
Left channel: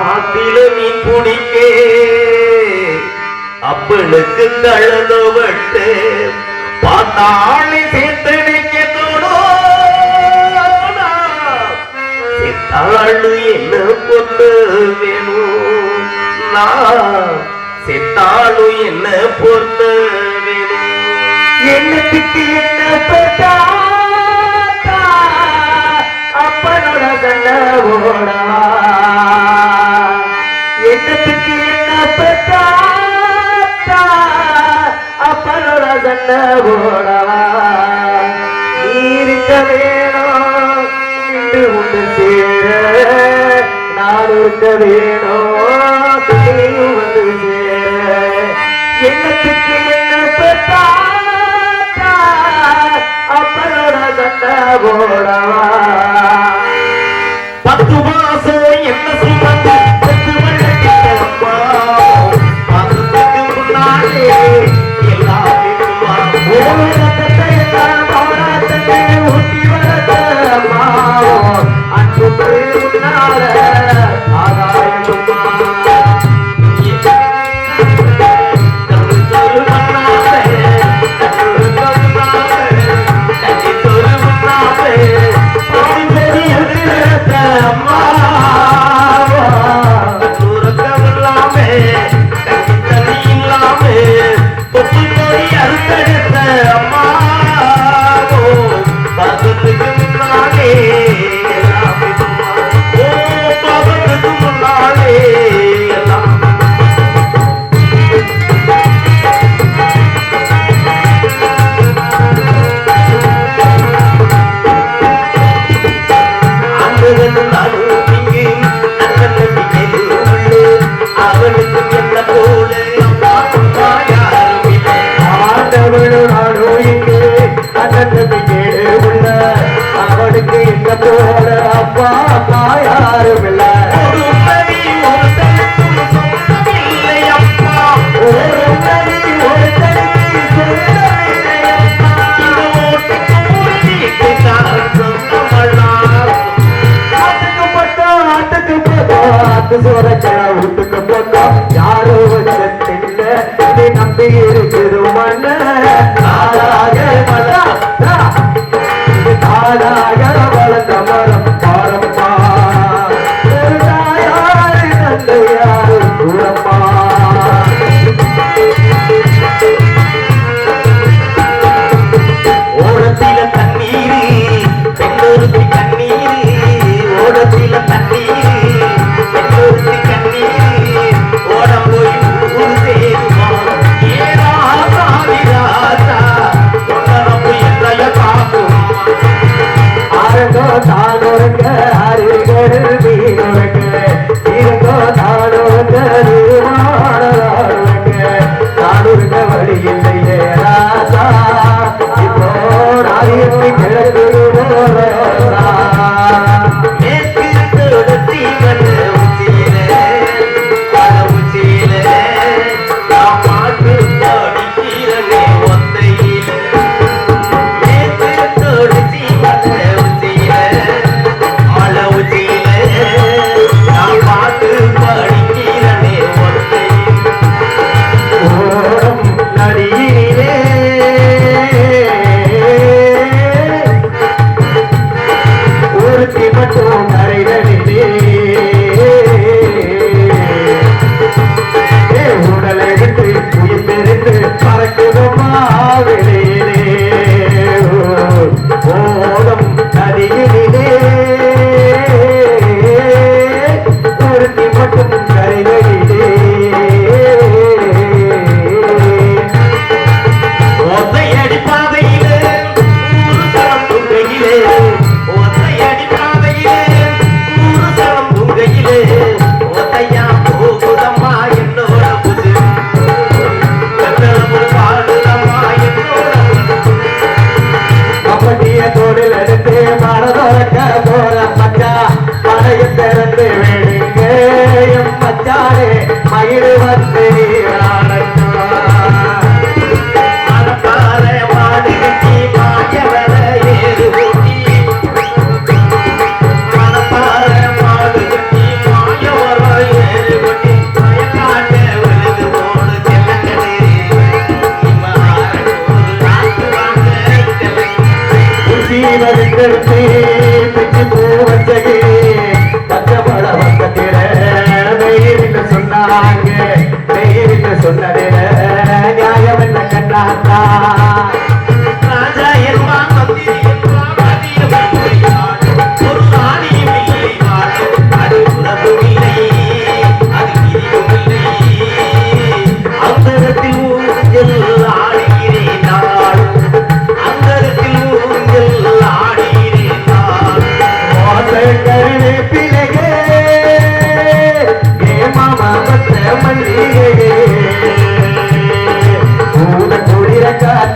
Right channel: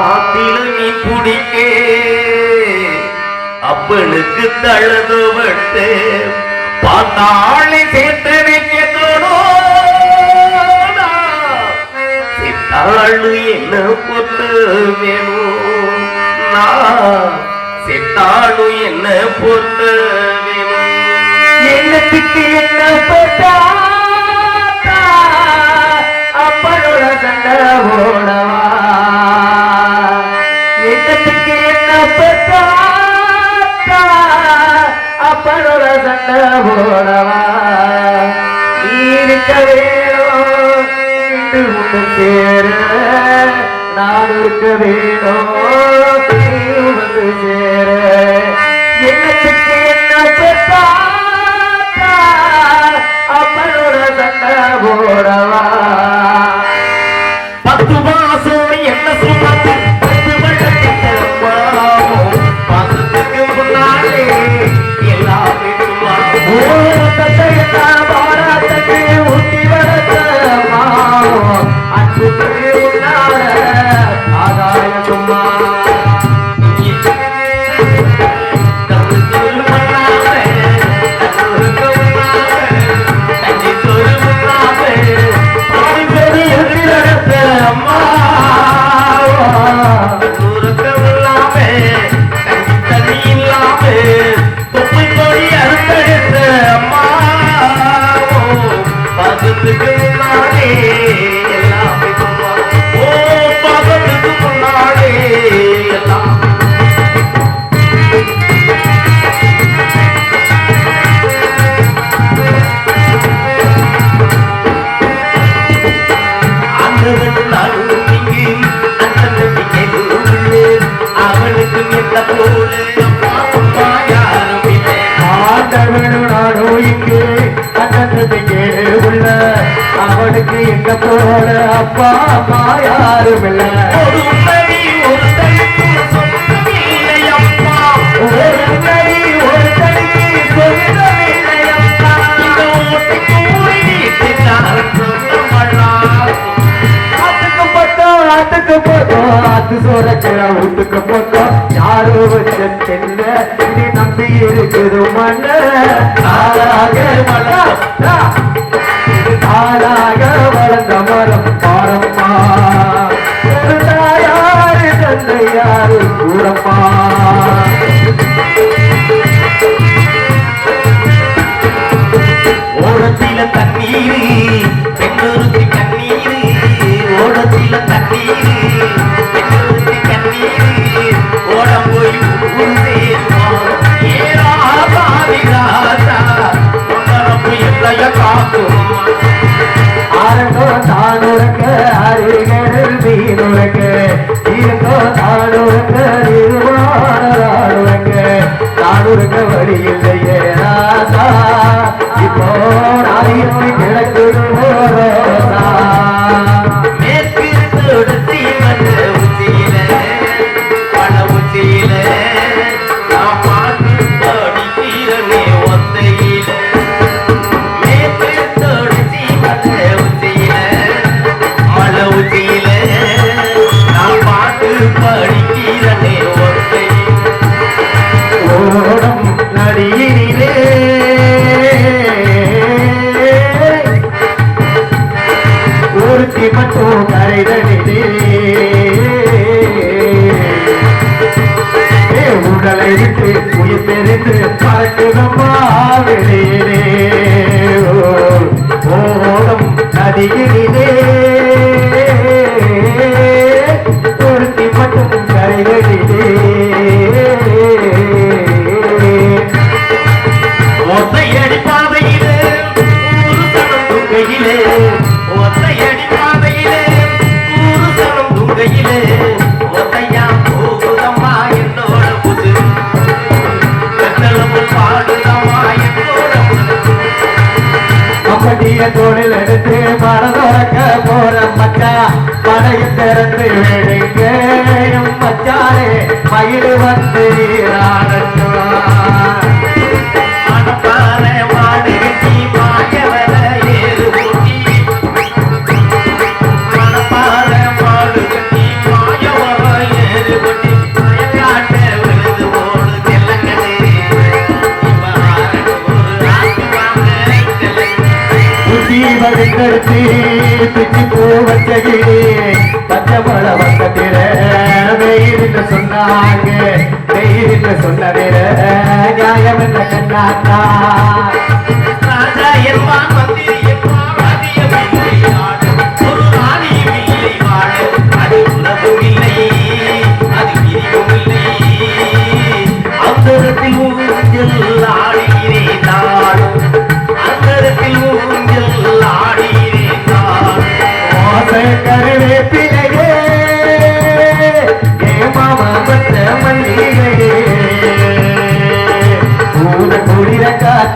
ஆத்தில மீன் பிடிக்கே அப்பனுக்கு தழுதுபட்டு பார்த்தாளி சேர்த்து வைக்க சித்தாளு என்ன பொண்ணு வேணும் சித்தாளு என்ன பொண்ணு வேணும் என்னத்துக்கு என்ன போட்டா அப்பனோட சண்டை போடவா என்னத்துக்கு என்ன போட்டா அப்பனோட சண்டை போடவா இருக்க வேணும் உண்டு சேர நான் இருக்க வேணும் நீ வந்து சேர என்னத்துக்கு என்ன சொத்தா அப்பனோட சண்டை போடவா 10 மாசம் என்ன சுமந்து யாரோ வச்ச நம்பி இருக்குது மண்ண வளர்ந்த மரம் பாரப்பா ஒரு தாயாரு தந்தையாரு கூறப்பா ஓடத்தில தண்ணீர் பெண்ணொருத்தி கண்ணீர் ஓடத்தில தண்ணீர் பெண்ணொருத்தி கண்ணீர் ஓட போய் ஏறாத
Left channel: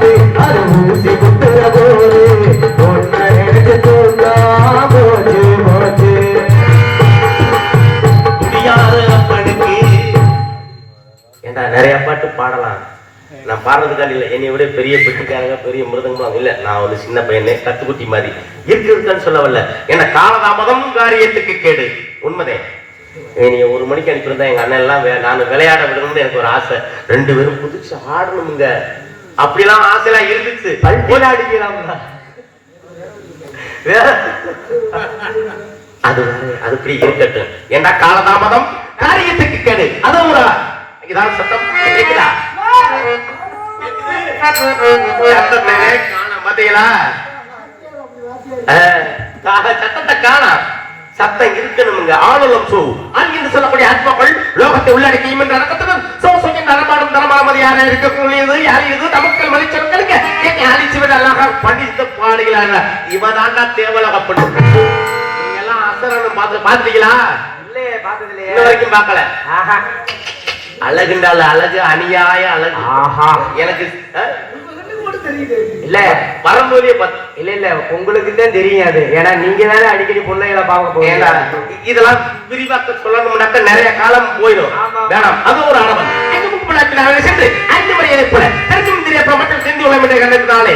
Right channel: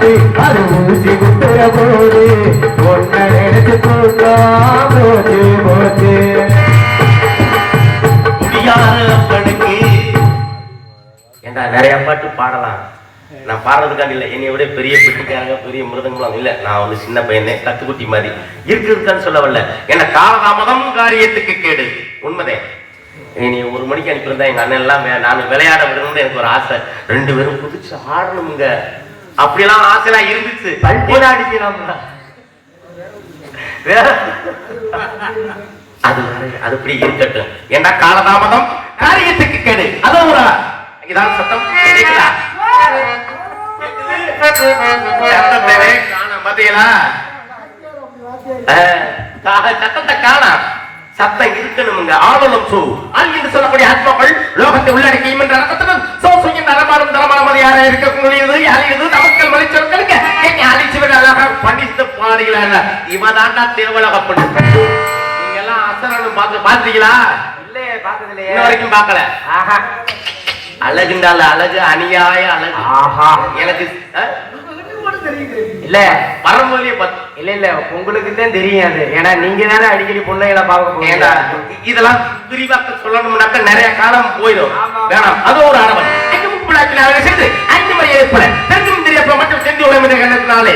பார்த்து அது ஊசி குத்துற போது ஒன்ன எடுத்து போட்டா போச்சு போச்சு முடியாதவனுக்கு ஏண்டா நிறைய பாட்டு பாடலாம். நான் பாடுறதுக்காக இல்லை, என்னை விட பெரிய பெட்டிக்காரங்க பெரிய மிருதங்களும் இல்லை. நான் ஒரு சின்ன பையனே கத்துக்குட்டி மாதிரி இருக்குன்னு சொல்ல வரல. என்ன காலதாமதம் காரியத்துக்கு கேடு. உண்மைதே. நீ 1 மணிக்கு அனுப்பியிருந்தா எங்க அண்ணன் எல்லாம் நான் விளையாட விடணும்னு எனக்கு ஒரு ஆசை. 2 பேரும் குதிச்சு ஆடணுங்க. அப்படிலாம் ஆசைலாம் இருந்துச்சு. அடிக்கலாம் அதுபடி இருக்கட்டும். ஏன்னா காலதாமதம் காரியத்துக்கு கேடு. அது ஒரு இதான் சத்தம் கேக்குதா? சத்தத்தை காணா. சத்தம் இருக்கணுங்க. ஆளும் சோ என்று சொல்லக்கூடிய ஆத்மாக்கள் லோகத்தை உள்ளடக்கியும் என்று நடக்கட்டும். சோ சுயம் நலமாடும் தரமாமது யார இருக்கிறது யாரிது தமக்கள் மலிச்சவர்களுக்கு அழிச்சுவது அழகா படித்த பாடுகிறாங்க. இவதாண்டா தேவலகப்படும். நீங்க எல்லாம் அசரணும் பாத்தீங்களா? இல்லையே, பார்த்தது இல்லையே. இன்ன வரைக்கும் பார்க்கல. அழகுண்டால அழகு அநியாய அழகு. எனக்கு இல்ல பரம்போலிய இல்ல இல்ல உங்களுக்கு தான் தெரியாது. ஏன்னா நீங்க தானே அடிக்கடி பிள்ளைகளை பார்க்க போறீங்க. இதெல்லாம் விரிவாக்க சொல்லணும்னாக்க நிறைய காலம் போயிடும். வேணாம், அது ஒரு ஆடவன் சென்று 5 முறை ஏற்பட தெரியும் தெரியாத மட்டும் சென்று உள்ள கண்டத்தினாலே